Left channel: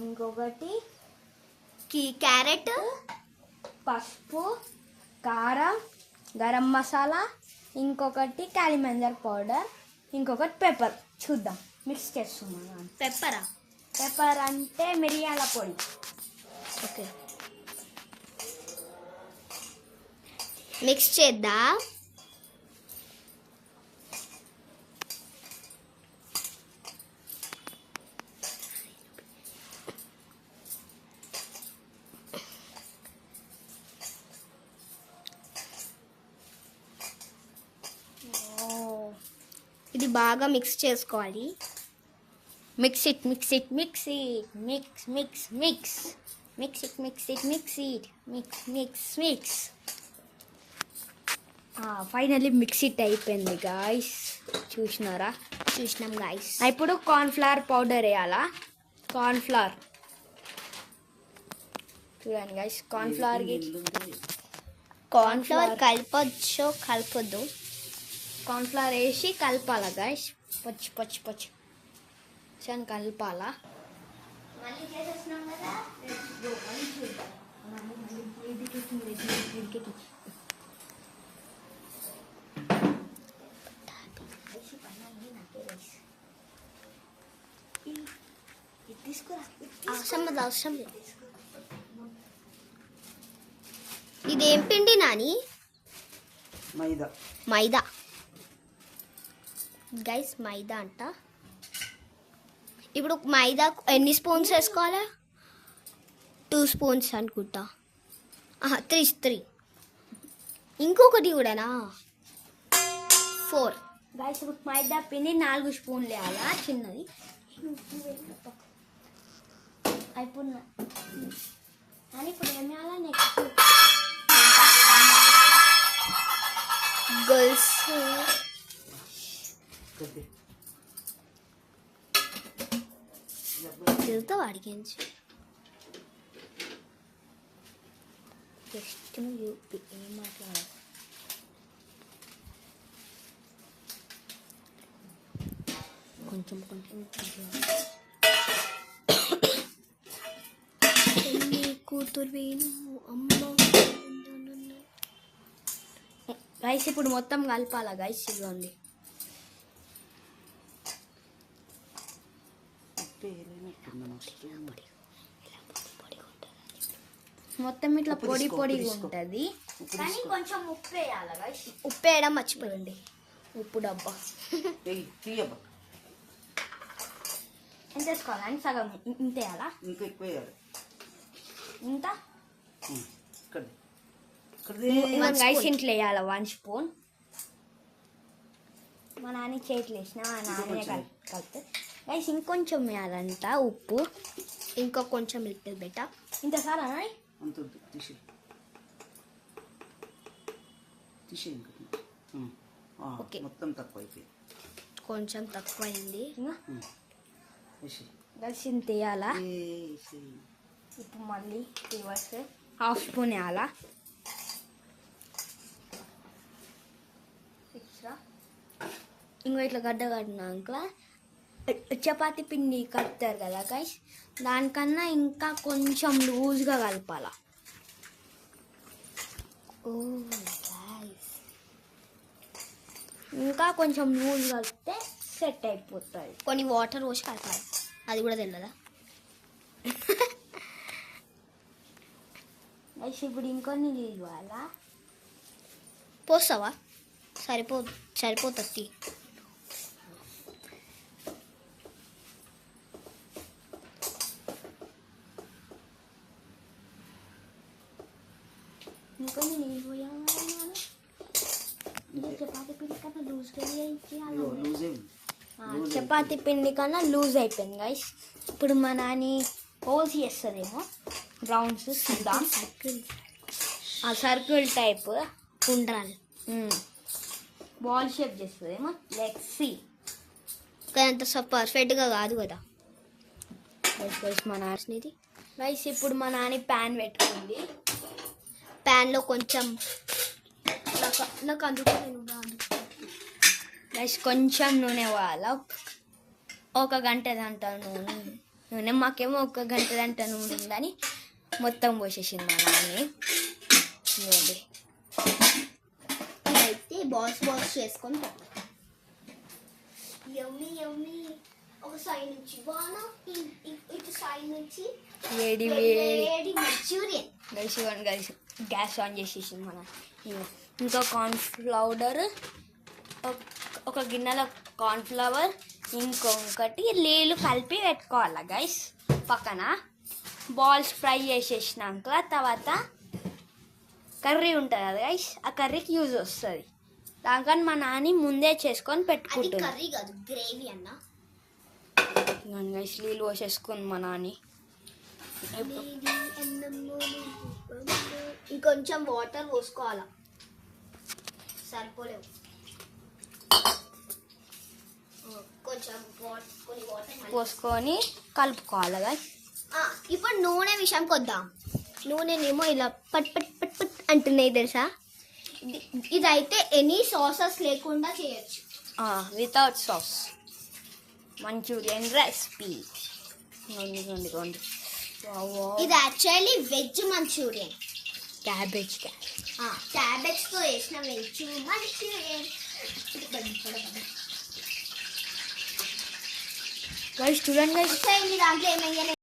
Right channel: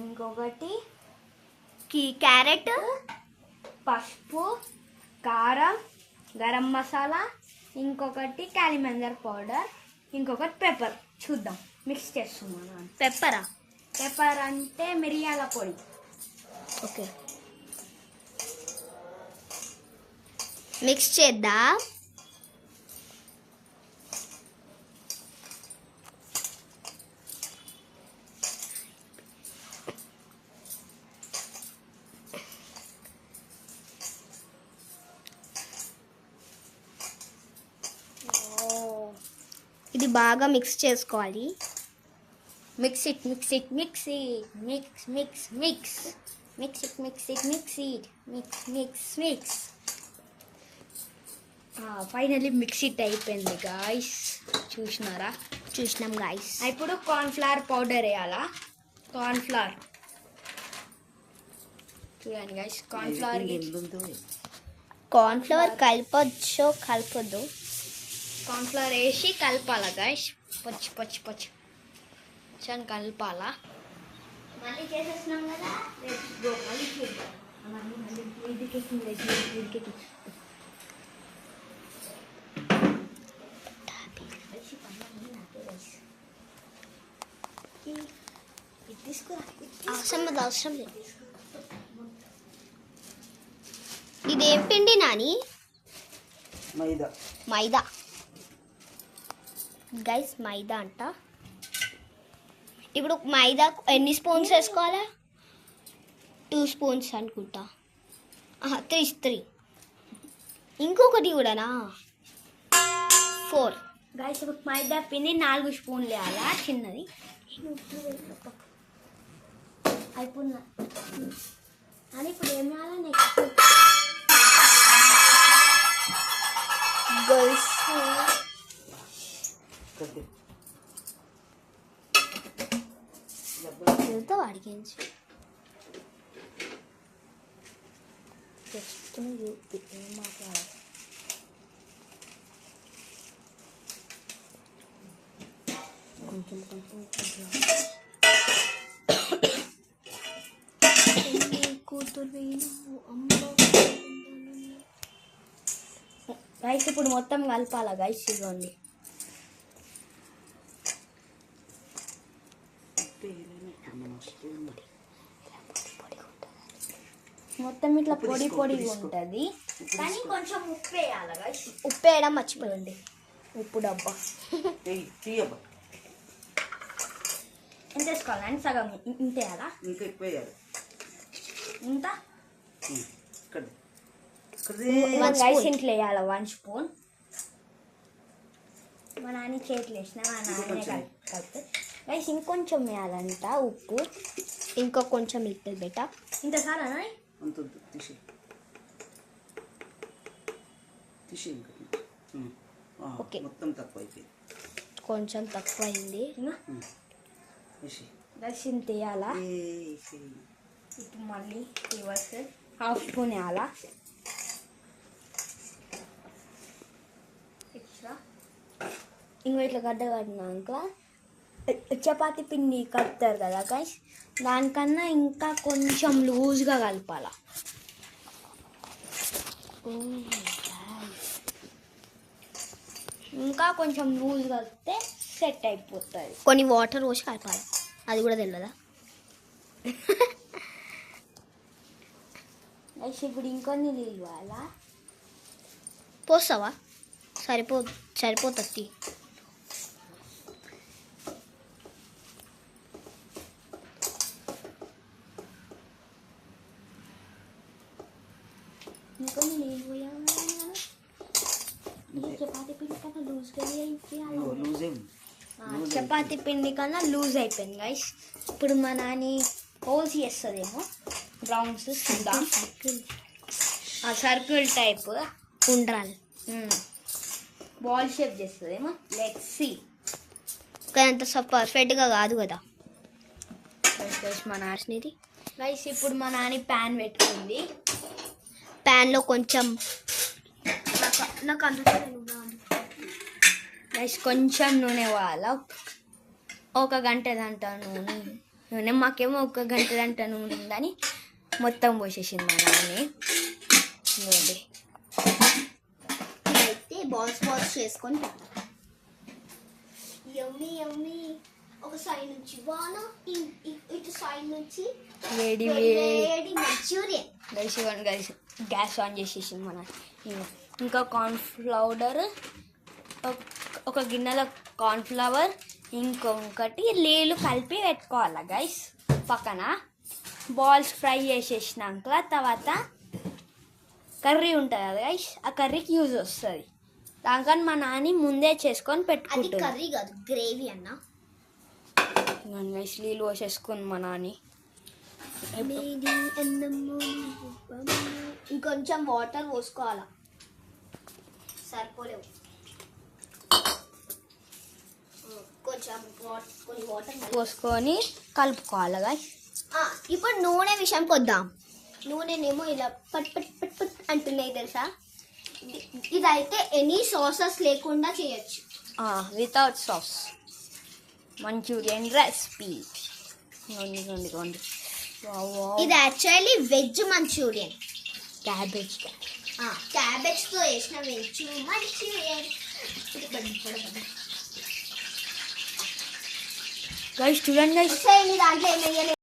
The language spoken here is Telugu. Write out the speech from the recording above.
ఇంకొకటి క్యారెట్, పసుపు, కారం, గరం మసాలా, ఇంకొకటి కాలిమంజర్ పౌడర్, ఇంకొకటి పెప్పర్. చూద్దాం, మిక్స్ చేస్తున్నాను. పెప్పరా? పెప్పర్ అంటే మిరియాల పొడి. ఓకే, మిక్స్ చేద్దాం. ఇది బాగా మిక్స్ చేసుకోవాలి. Mix it, mix it, mix it, mix mix mix mix it, mix it, mix it, mix mix mix. Finally mix it అయిపోయింది గాయస్. చూసినాం గాయస్. ఇప్పుడు కార్న్ఫ్లవర్ పౌడర్ వేయాలా. కార్న్ఫ్లవర్ చూడండి గాయస్. కార్న్ఫ్లవర్ కలపొచ్చు కలపొద్దు. కార్న్ఫ్లవర్ వేసి కలపాలా గాయస్. పొచ్చు కలపాలా. మళ్ళీ చేసేస్తున్నాం కదా. అవసరం లేదు. ఇదేం పిండి నాని? మైదా గైస్, మైదా అంట. ఇప్పుడు మైదా ఎన్ని స్పూన్స్ వేసుకోవాలా? 2 స్పూన్స్ అనుకుంటా. 3. ఇంకొకటి కూడానా? 4. గాయస్ ఇప్పుడు మైదా పిండి 4 స్పూన్లు వేయాలా చిన్నది. అయిపోయినా అని ఇప్పుడు ఏం వేయాలా? నెక్స్ట్ గర్ల్స్ వెళ్తావు అడిగించి జస్ట్ ఏం మాట్లాడాలి. కొంచెం కూతురు రైస్ ఇప్పుడు మొత్తం కలపాలా గైస్. ఇదిగోండి మొత్తం ఇట్లా పొడి పొడిగా ఉంటుంది. కానీ కొంచెం ఉప్పు వేయాలి గైస్. ఉప్పు వేయడం మర్చిపోయింది. ఉప్పు డబ్బా ఎంత వేసుకోవాలని? సగం ఇంత వేయాలా? ఇంకా ఎక్కువ వేయాలి. ఇంత గైస్ ఇంట్లో వేయాలి 1 స్పూన్. మా నాన్న చేతులు వేసిన మా నాన్నే కలుపుతుంది గైస్. ఇంకొంచెం వేయాలంట ఉప్పు. ఇంకా కొంచెం ఇస్తుంది బేట. ఇంత సారా ఓకే, మొత్తం తక్కువ అయిపోయింది. కొంచెం తక్కువ అయింది. గైస్ ఇంత వేయాలా. ఇప్పుడు మళ్ళీ రివర్స్ 1/2 స్పూన్ వేయాలా. ఇంకో ఇట్లా గడ్డ కట్టినాక చపాతీ పిండి కలుపుతారు కదా గైస్, దానికన్నా ఇంకా కొంచెం లూజ్గా కలపాల. ఇంకా కొంచెం లూజ్ కలిపితే సెట్ అయిపోతుంది. కొన్ని వాటర్ పోసి కలపాలి. అది కూడా తెలియదా గైస్? ఇప్పుడు ఇంకొన్ని నీళ్ళు అలా పోస్తావా? సరిపోతుంది. ఇంకొన్ని నీళ్ళు పోయాలి. చపాతీ పిండి కన్నా లూజ్గా చపాతీ పిండి కన్నా లూజ్ అయిపోయింది గైస్. ఇప్పుడు మా నాని హోల్స్ చేస్తుందేమో. రౌండ్స్ సర్కిల్ టైప్ ఉండ్రాలు బాల్ షేప్ చేస్తుందేమో. Let's see. కానీ అంత పర్ఫెక్ట్గా కాదు కదా మా నాన్నది గైస్. ఇప్పుడు మా నాని ప్యాన్ పెట్టుకుంది. ప్యాన్లో కొంచెం నాకు అందుకు గైస్ కొంచెం నూనె పోయాల. 1 గంట దంట నూనె నూనె మాకేమో 1 గంట గంట నూనె ఉందని మొత్తం పోసేసింది మా నాన్ని. ఇదిగోండి. అయితే బాల్స్ చేసుకొని యమ్మీ ఒక సైడ్ నుంచి వాన ఇటు సైడ్ నుంచి వేడి మంచూరియన్. కలిసి గ్యాస్ ఆన్ చేసేసింది మన. ఇంకా కార్న్ఫ్లవర్, ఒక గిన్నెలో కార్న్ఫ్లవర్, ఇంకొకటి నీళ్ళు కలిపి పెట్టుకోవాలి గైస్ పక్కన. బాల్స్ ఫ్రై చేసేసినాక తర్వాత కర్రీ ఉంటుంది కదా గైస్, ఆ కర్రీకి యూజ్ వస్తుంది. దానికని మా నాని ముందే చేసుకొని పెట్టుకుంటుంది. కర్రీ కాదు, గ్రేవీ అన్న. గైస్ నీళ్ళు పోసేసుకుంది మా నాని. ఇంకొంచెం వాటర్ పోసుకోవాలా, సరిపోలేవు. కొన్ని వాటర్ పోసుకొని కలుపుకోవాలి గైస్. ఇప్పుడు నూనె విషయంకి వద్దాం. నూనెనేమో ఇలా పట్ పట్ పట్ పట్ అంటున్నాయి తెలుసా. ఇదైతే ఎనీ సాసెస్ లేకుండా చేయొచ్చు, వితౌట్ సాస్. Manchurian recipe. ఇది యాక్చువల్లీ వెజ్ మంచూరియన్. క్యాబేజ్ తో వేసిన వెజ్ మంచూరియన్. గైస్ చూడండి గైస్. దాంట్లో ఏమయ్యాలి